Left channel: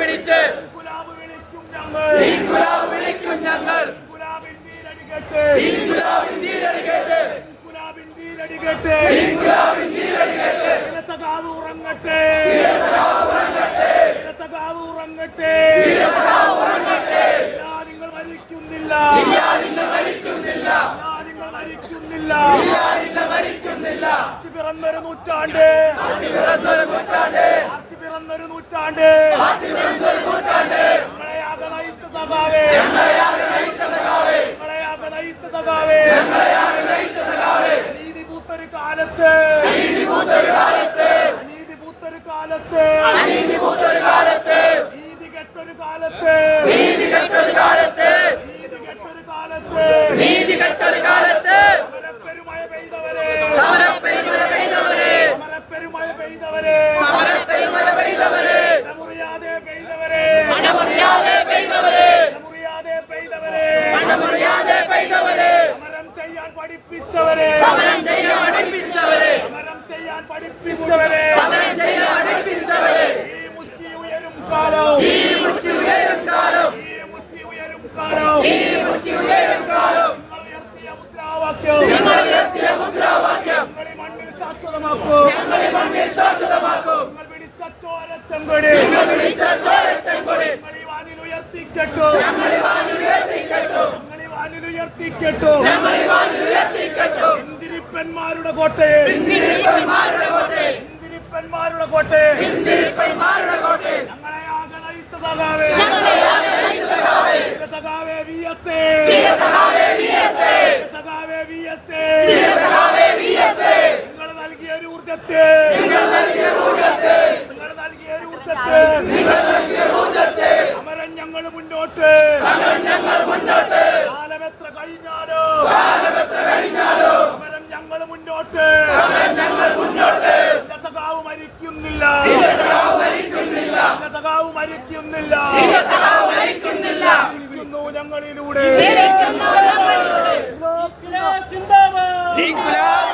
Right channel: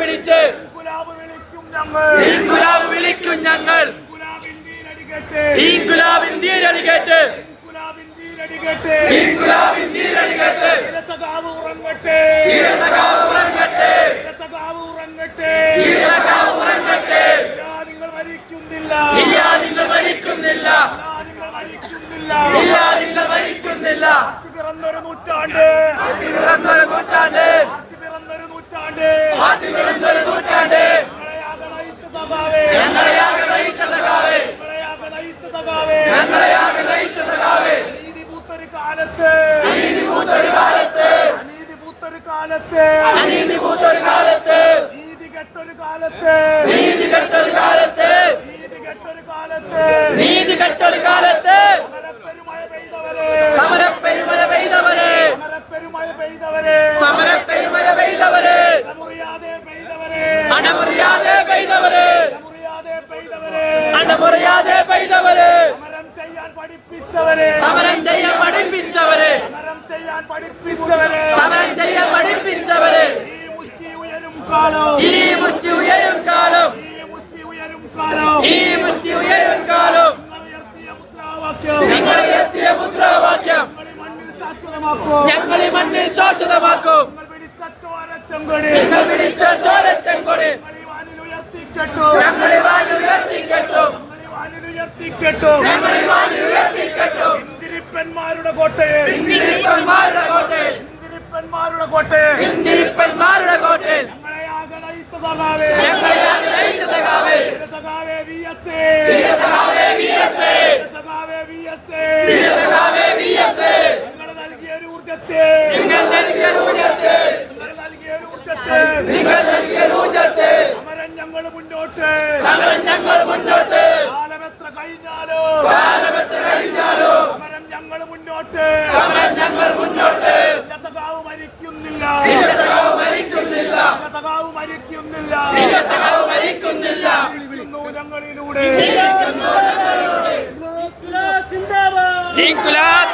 പിടിച്ച് ഇൻകുലാബ് വിളിക്കും ഞങ്ങൾ പിറന്നൊരു നൂറ്റാണ്ട് നീതി കെട്ടൊരു കാലത്ത് സമരപ്പെരുമഴ പെയ്തവരെ മുറിയാതെ പെയ്തവരെ സമരം ചെയ്യാൻ പഠിപ്പിച്ചവരെ ഈ മുഷ്ടി ഉയരും കാലം നിങ്ങൾ ഉയർത്തിയ മുദ്രാവാക്യം ഞങ്ങൾ ഈ മണ്ണിൽ ശാശ്വതമാക്കും നിങ്ങൾ പിടിച്ച ചോരച്ചെങ്കൊടി ഇന്ദിരിപ്പന്മാരുടെ കോട്ടയെ ഞങ്ങളെയാകെ നയിച്ച സഖാവേ നിങ്ങൾ നൽകിയ ഒരു ഊർജത്തെ സമരം ഞങ്ങൾ മുന്നോട്ട് കാലമെത്ര കഴിഞ്ഞാലോ സമരം ഞങ്ങൾ മുന്നോട്ട് സഖാവ് മരിക്കുന്നില്ല ഞങ്ങളിലൂടെ ഇൻകുലാബ്